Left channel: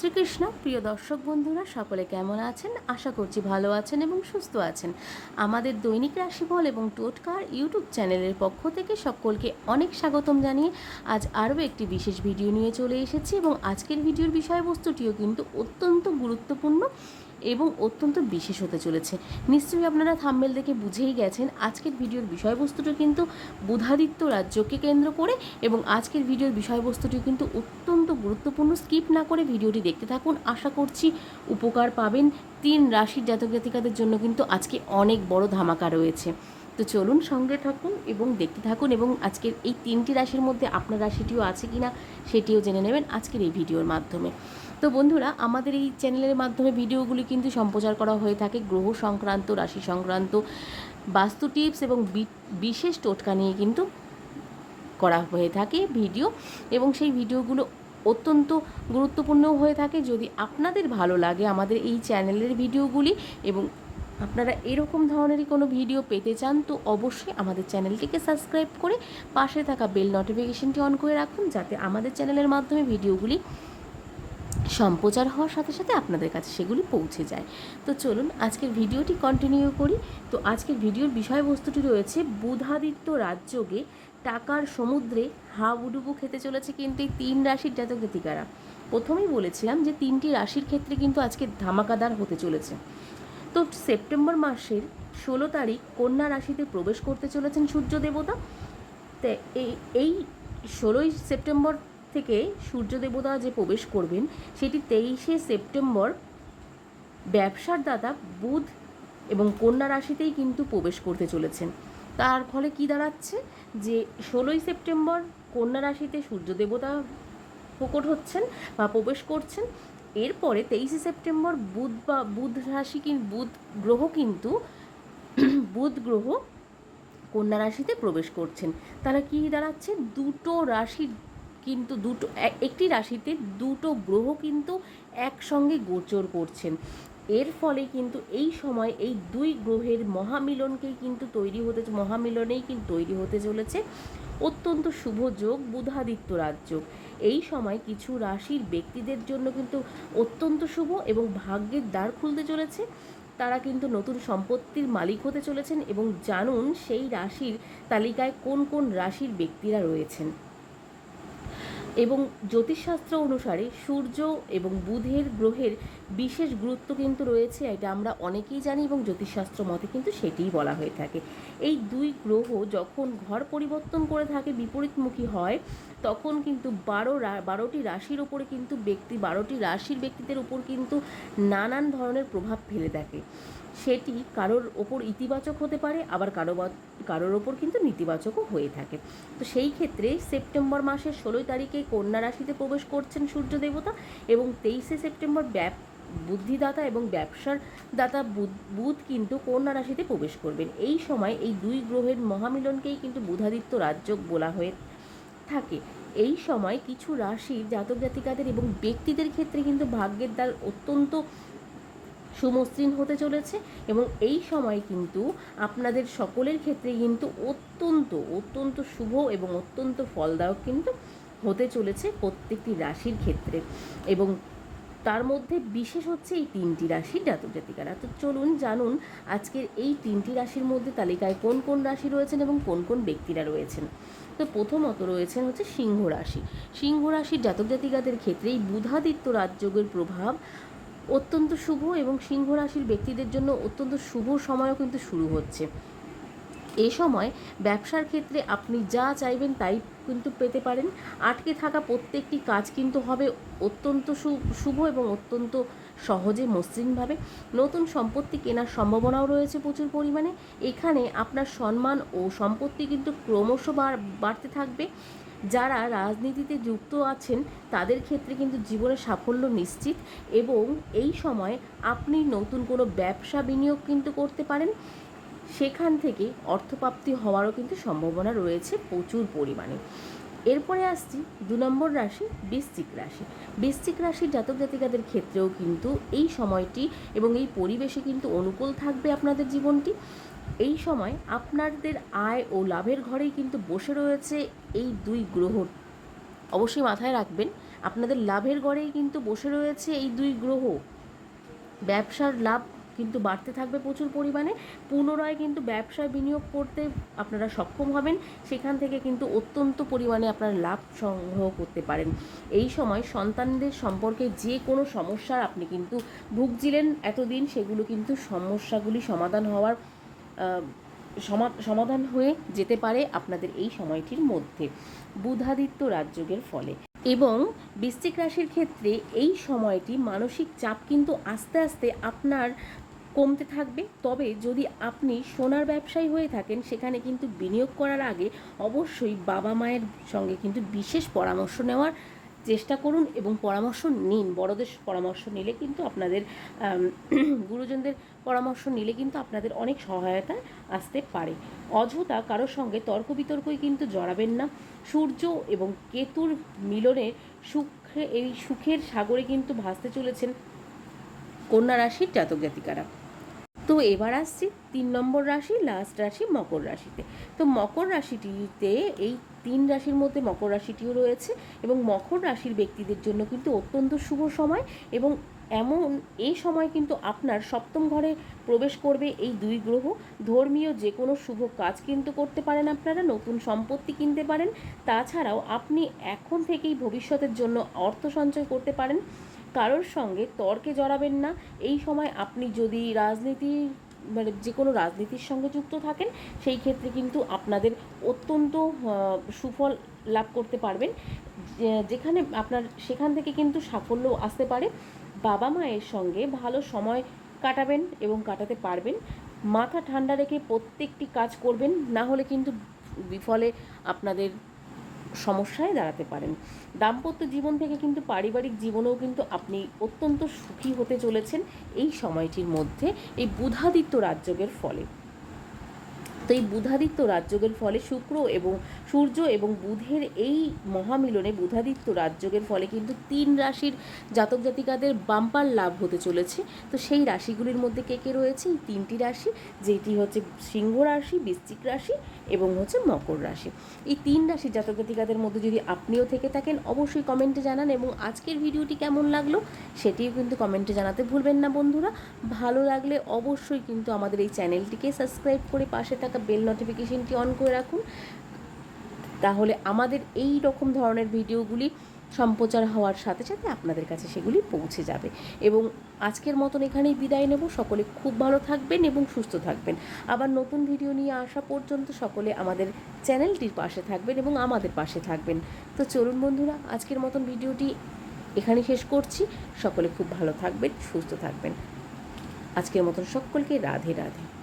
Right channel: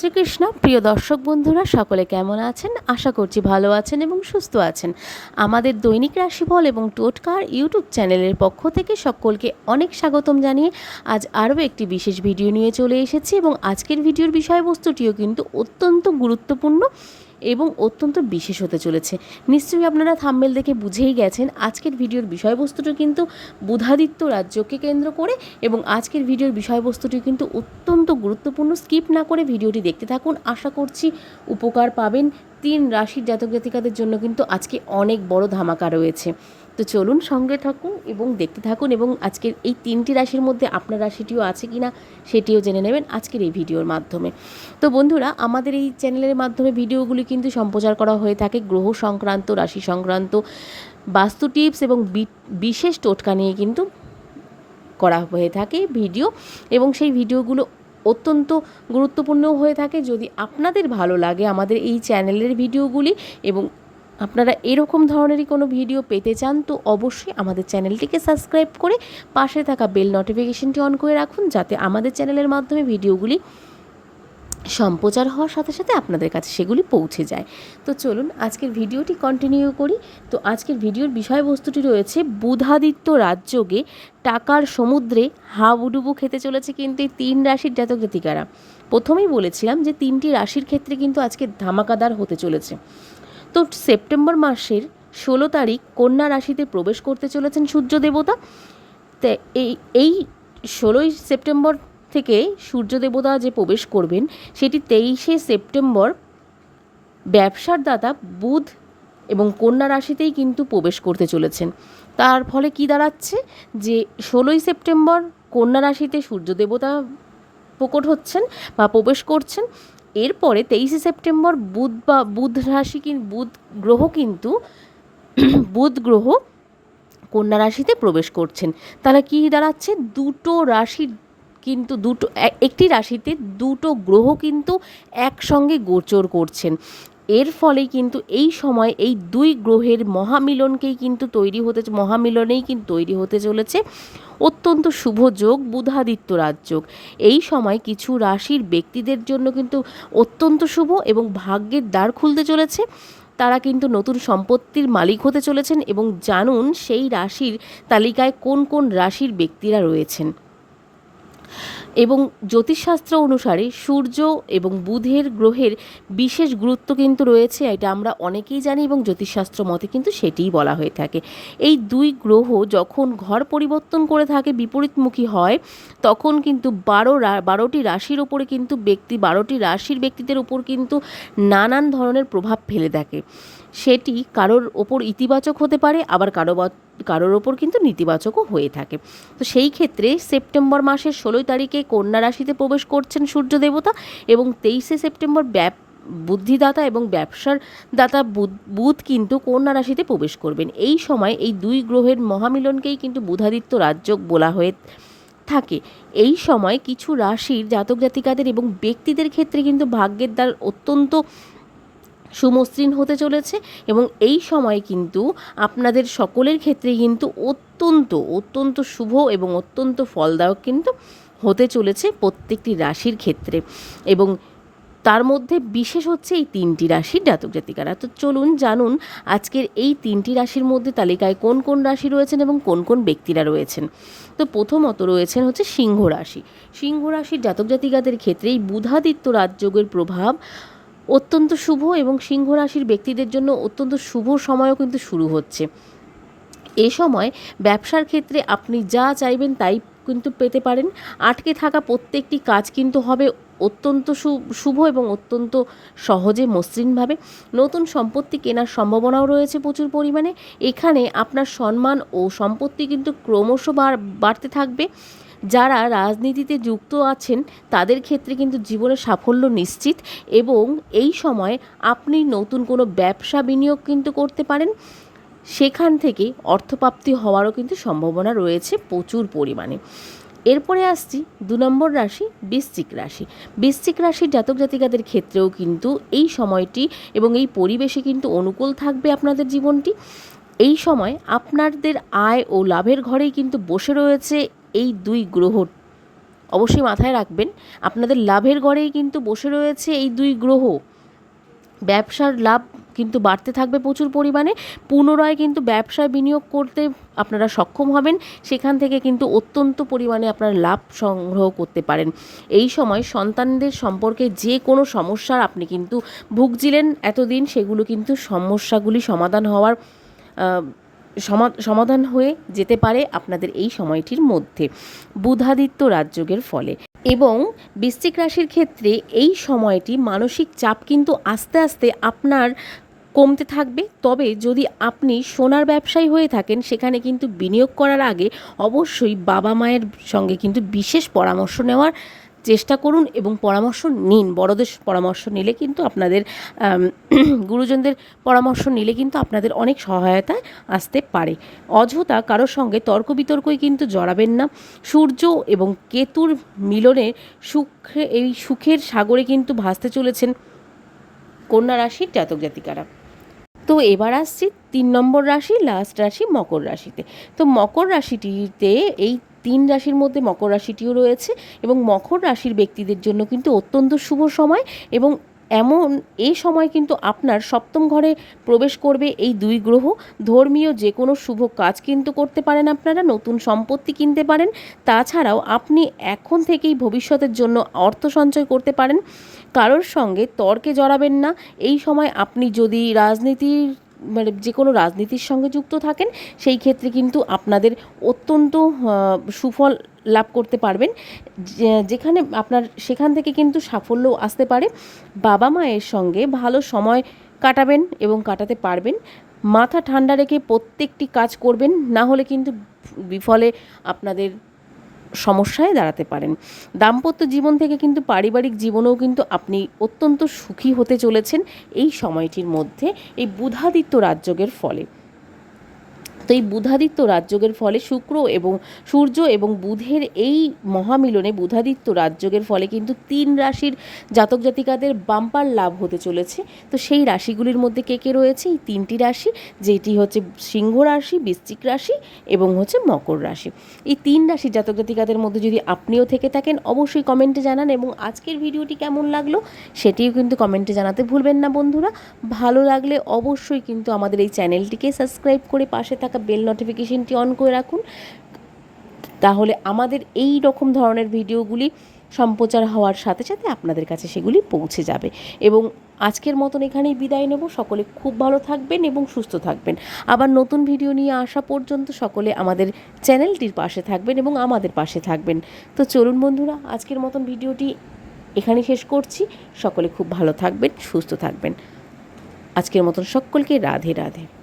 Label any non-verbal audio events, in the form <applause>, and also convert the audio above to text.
শ্রীকৃষ্ণ। প্রিয় দর্শক বন্ধুরা, সকলে কেমন আছেন? আশা করছি ভালো আছেন এবং সুস্থ আছেন। আমাদের দৈনিক রাশিফল এবং টোটকার ইউটিউব চ্যানেলের পক্ষ থেকে সকলকে অনেক স্বাগতম জানিয়ে আজ আরও একটি বিশেষ ভিডিও নিয়ে চলে এসেছি এবং আজকের ভিডিওর বিষয়বস্তুটিও কিন্তু অত্যন্ত গুরুত্বপূর্ণ। এবং অত্যন্ত বিশেষ হতে চলেছে। নিশ্চয়ই আপনারা থাম্বেল দেখে বুঝেই গেছেন, আজকের ভিডিওর বিষয়বস্তুটি কিন্তু বুধাদিত্য রাজ্যকে কেন্দ্র করে এবং আজকের ভিডিওর বিষয়বস্তুটি কিন্তু অত্যন্ত গুরুত্বপূর্ণ। স্কিপ না করে ভিডিওটি দেখতে থাকুন। আশা করছি উপকার পাবেন। তিন রাশির জাতক জাতিকাদের জন্য কিন্তু আজকে অনেক বড় ধামাকা রয়েছে। তো চলুন সঙ্গে থাকুন এবং দেখতে থাকুন এবং আজকের এই তিনটি রাশির মধ্যে আপনার রাশিটিও আছে কি না সেটিও জেনে নেবেন আজকের এই ভিডিওর মাধ্যমে। তো বন্ধুরা, আমাদের এই চ্যানেলের মাধ্যমে ভিডিওগুলি কিন্তু সম্প্রচার করা হয়ে থাকে গ্রহ সংক্রান্ত, রাশি সংক্রান্ত, বাস্তু টিপস এবং বিশেষ টোটকা নিয়ে কিন্তু করা হয়ে থাকে ভিডিও এবং সেই ভিডিওগুলো অত্যন্ত গুরুত্বপূর্ণ হয়ে থাকে। যদি আপনাদের ভালো লাগে আমাদের এই চ্যানেলের ভিডিওগুলি এবং আপনারা এরকম ধরনেরই কোনো ভিডিও পেতে চান, তো অবশ্যই আমাদের চ্যানেলটিকে সাবস্ক্রাইব করে পাশে থাকা বেল নোটিফিকেশনটি অন করে রাখুন, যাতে আমাদের চ্যানেলের মাধ্যমে ভিডিওগুলি সম্প্রচার হওয়ার সাথে সাথে আপনাদের কাছে সেগুলি পৌঁছে যায়। তো চলুন, আজকের ভিডিওটি কন্টিনিউ করি। তো আজকের ভিডিওর বিষয়বস্তুটি রয়েছে, বুধাদিত্য রাজযোগে টাকার সমুদ্রে হাবুডুবু খেতে চলেছে কিন্তু এই তিন রাশির জাতক জাতিকারা। প্রথমেই বলেছিলাম যে তিনটি রাশির ক্ষেত্রে কিন্তু আজকে ধামাকাদার হতে চলেছে। তো সেপ্টেম্বর মাসের ষোলো তারিখ কন্যা রাশিতে প্রবেশ করতে চলেছেন সূর্য দেবতা। তা এই এই ষোলোই সেপ্টেম্বর থেকে সূর্য দেবতা যে প্রবেশ করবেন, সেটি তেইশে সেপ্টেম্বর ব্যবসার দাতা বুধ এবং কন্যা রাশিতেই কিন্তু প্রবেশ করতে চলেছেন। তার ফলে কি দাঁড়াচ্ছে? যে ষোলোই সেপ্টেম্বর কন্যা রাশিতে সূর্য দেবতা প্রকট হচ্ছেন বা প্রবেশ করছেন এরপরে তেইশে সেপ্টেম্বর বুধ বা, বুধ রাশি বুধ গ্রহ কিন্তু <clears throat> বুধ গ্রহ কন্যা রাশিতে প্রবেশ করছেন। তাহলে কী দাঁড়াচ্ছে? দুটো রাশির কিন্তু দুটো একটি রাশিতে দুটো গ্রহ কিন্তু একসঙ্গে গোচর করছেন। এর ফলে কিন্তু এই সময় এই দুই গ্রহের মহামিলনকেই কিন্তু তৈরি হতে মহামিলনেই কিন্তু তৈরি হতে চলেছে। অত্যন্ত শুভ যোগ, বুধাদিত্য রাজযোগ এই সময় কিছু রাশির ব্যক্তিদের জন্য কিন্তু অত্যন্ত শুভ এবং ভাগ্যের দ্বার খুলতে চলেছে। তারা কিন্তু নতুন সম্পত্তির মালিক হতে চলেছেন এবং জানুন সেই রাশির তালিকায় কোন কোন রাশির ব্যক্তিরা রয়েছেন। এবং জ্যোতিষশাস্ত্র অনুসারে সূর্য এবং বুধের গ্রহের বিশেষ গুরুত্ব কিন্তু রয়েছে, এটা আমরা অনেকেই জানি এবং জ্যোতিষশাস্ত্র মতে কিন্তু সেটিই বলা হয়ে থাকে। এই দুই গ্রহ যখন ঘর পরিবর্তন করে থাকে, বিপরীতমুখী হয়, তখন কিন্তু বারো বারোটি রাশির ওপরে কিন্তু ব্যক্তি, বারোটি রাশির ব্যক্তিদের উপর কিন্তু নানান ধরনের প্রভাব ফেলে থাকে। সেটি কারোর ওপর ইতিবাচক হতে পারে, আবার কারও কারোর ওপর কিন্তু নেতিবাচকও হয়ে থাকে। তো সেই ক্ষেত্রে সেপ্টেম্বর মাসের ষোলোই তারিখে কন্যা রাশিতে প্রবেশ করছেন সূর্য দেবতা এবং তেইশে সেপ্টেম্বর ব্যাপ, বুদ্ধিদাতা এবং ব্যবসার দাতা বুধ বুধ কিন্তু কন্যা রাশিতে প্রবেশ করবেন। এই সময় এই দুই গ্রহের মহামিলনকেই কিন্তু বুধাদিত্য রাজযোগ বলা হয়ে থাকে। এই সময় কিছু রাশির জাতক জাতিকাদের এবং ব্যক্তিদের ক্ষেত্রে কিন্তু ভাগ্যের দ্বার অত্যন্ত সুমসৃণ হতে চলেছে এবং এই সময় কিন্তু আপনাদের সকলের ক্ষেত্রে কিন্তু অত্যন্ত অত্যন্ত শুভ এবং অত্যন্ত ফলদায়ক কিন্তু হতে চলেছে প্রত্যেকটি রাশির ক্ষেত্রে। এবং তার মধ্যে বিশেষ হচ্ছে এই তিনটি রাশির জাতক জাতিকারা। তো চলুন জানুন আজকের এই তিনটি রাশির মধ্যে তালিকায় কোন কোন রাশি রয়েছেন এবং কোন কোন ব্যক্তিরা রয়েছেন। তো প্রথমত রয়েছেন হচ্ছে সিংহ রাশি। সিংহ রাশির জাতক জাতিকাদের ক্ষেত্রে এই বুধাদিত্য রাজযোগের প্রভাব অত্যন্ত শুভ এবং সিংহ রাশির ব্যক্তিদের জন্য অত্যন্ত শুভ সময়ও কিন্তু শুরু হচ্ছে। এ সময় ব্যবসার ক্ষেত্রে আপনি যা চাইবেন তাই কিন্তু পেতে পারেন। আটকে থাকা প্রত্যেকটি কাজ কিন্তু হবে অত্যন্ত শুভ এবং অত্যন্ত সহজে মসৃণভাবে। নতুন সম্পত্তি কেনার সম্ভাবনাও রয়েছে প্রচুর পরিমাণে। এখানে আপনার সম্মান ও সম্পত্তি কিন্তু ক্রমশ বাড়তে থাকবে। যারা রাজনীতিতে যুক্ত আছেন, তাদের ক্ষেত্রে কিন্তু জীবনে সাফল্য নিশ্চিত এবং এই সময় আপনি নতুন কোনো ব্যবসা বিনিয়োগ কিন্তু করতে পারেন। সেখান থেকে অর্থপ্রাপ্তি হওয়ারও কিন্তু সম্ভাবনা রয়েছে প্রচুর পরিমাণে। এরপরে আসছি দু নম্বর রাশি, বৃশ্চিক রাশি। বৃশ্চিক রাশির জাতক জাতিকাদের ক্ষেত্রেও কিন্তু এই সময়টি এবং এই পরিবেশে কিন্তু অনুকূল থাকবে আপনাদের জীবনটি। এই সময় আপনাদের আয় ও লাভের ঘরেই কিন্তু বসে রয়েছে এই দুই গ্রহ অবশ্যই মাথায় রাখবেন। আপনাদের লাভের গড়েই কিন্তু বসে রয়েছে এই দুই গ্রহ। ব্যবসার লাভ কিন্তু বাড়তে থাকবে প্রচুর পরিমাণে। পুনরায় কিন্তু ব্যবসায় বিনিয়োগ করতে আপনারা সক্ষম হবেন। সেখান থেকে কিন্তু অত্যন্ত পরিমাণে আপনারা লাভ সংগ্রহ করতে পারেন। এই সময় সন্তানদের সম্পর্কে যে কোনো সমস্যার আপনি কিন্তু ভুগছিলেন এতদিন, সেগুলো কিন্তু সমস্যাগুলি সমাধান হওয়ার সমাধান হয়ে যেতে পারে আপনাদের এই সময়টির মধ্যে বুধাদিত্য রাজযোগের ফলে। এবং বৃশ্চিক রাশির ক্ষেত্রে এই সময়টি মানসিক চাপ কিন্তু আস্তে আস্তে আপনার কমতে থাকবে। তবে যদি আপনি সোনার ব্যবসায়ী হয়ে থাকেন, সেখানে কিন্তু বিনিয়োগ করার আগে অবশ্যই বাবা মায়ের সঙ্গে কিন্তু বিশেষ পরামর্শ নেওয়ার চেষ্টা করুন এবং পরামর্শ নিন। বড়দের পরামর্শ নিলে কিন্তু আপনাদের <clears throat> গুরুজনদের পরামর্শ নিলে কিন্তু আপনাদের অনেক সহায়তায় আসতে পারে। অযথা কারোর সঙ্গে তর্ক বিতর্কই কিন্তু জড়াবেন না। সূর্য এবং কেতুর মিলনে সুখে, এই সুখের সাগরে কিন্তু ভাসতে চলেছেন কন্যা রাশির জাতক জাতিকারা। তো এবার আসছি তিন নম্বর রাশি, লাস্ট রাশি মকর রাশিতে। তো মকর রাশিটিতে এই তিন রাশির মধ্যে মকর রাশিটিও রয়েছে এবং মকর রাশির ব্যক্তিদের জন্য কিন্তু অত্যন্ত শুভ সময় এবং এমন এই সময় কিন্তু আপনার সপ্তম ঘরে প্রবেশ করবে এই দুই গ্রহ। ধর্মীয় যে কোনো শুভ কাজ কিন্তু করতে পারেন আপনারা, নতুন সম্পত্তি কিনতে পারেন। তাছাড়াও আপনি এখন থেকেই ভবিষ্যতের জন্য অর্থ সঞ্চয় করতে পারেন। কারোর সঙ্গে তর্কে জড়াবেন না। এই সময় আপনি যদি রাজনীতির মানে যে কোনো রাজনীতির সঙ্গে যুক্ত থাকেন, সেই ক্ষেত্রে কিন্তু আপনাদের অত্যন্ত সুফল লাভ করতে পারবেন। যেখানে আপনার, সেখান থেকে কিন্তু সাফল্য আসতে পারে। বাবা মায়ের সঙ্গে ভালো সময় কাটাবেন এবং কাটাতে পারবেন। মাথা ঠান্ডা রেখে প্রত্যেকটি কাজ করবেন, না হলে কিন্তু বিফলে আপনাদের সমস্যায় দাঁড়াতে পারেন। দাম্পত্য জীবন থেকে কিন্তু পারিবারিক জীবনেও কিন্তু আপনি অত্যন্ত সুখী হতে চলেছেন এই সময়টির মধ্যে, এই বুধাদিত্য রাজযোগের ফলে। তো এই বুধাদিত্য রাজযোগের ফলে শুক্র এবং সূর্য এবং বুধের এই মহামিলনে বুধাদিত্য রাজযোগের ফলে কিন্তু তিন রাশির জাতক জাতিকাদের বাম্পার লাভ হতে চলেছে। তো সেই রাশিগুলির মধ্যে কে কে রয়েছে? এই তিনটি রাশি, যেটি হচ্ছে সিংহ রাশি, বৃশ্চিক রাশি এবং হচ্ছে মকর রাশি। এই তিন রাশির জাতক জাতিকাদের মধ্যে যদি আপনিও থেকে থাকেন, অবশ্যই কমেন্টে জানান এবং আজকের ভিডিওটি কেমন লাগল সেটিও কিন্তু কমেন্টে জানাতে ভুলবেন না বন্ধুরা। ভালো লাগলে অবশ্যই কিন্তু আমাদের এই চ্যানেলটিকে সাবস্ক্রাইব করে পাশে থাকা বেল নোটিফিকেশনটি অন করে রাখুন। তাহলে আমাদের এই রকম ধরনের ভিডিওগুলি সম্প্রচার হওয়ার সাথে সাথে আপনাদের কাছে সেগুলি পৌঁছে যাবে। এবং আজকের মতন এখানেই বিদায় নেব। সকলে খুব ভালো থাকবেন এবং সুস্থ থাকবেন। আবার নতুন ভিডিও নিয়ে আসা পর্যন্ত সকলে আমাদের চ্যানেলটির পাশে থাকবেন এবং আমাদের পাশে থাকবেন। তো চলুন বন্ধুরা, আজকের মতন ভিডিওটি এখানে শেষ করছি। সকলে খুব ভালো থাকবেন, সুস্থ থাকবেন। আজকের মতন সকলকে রাধে রাধে।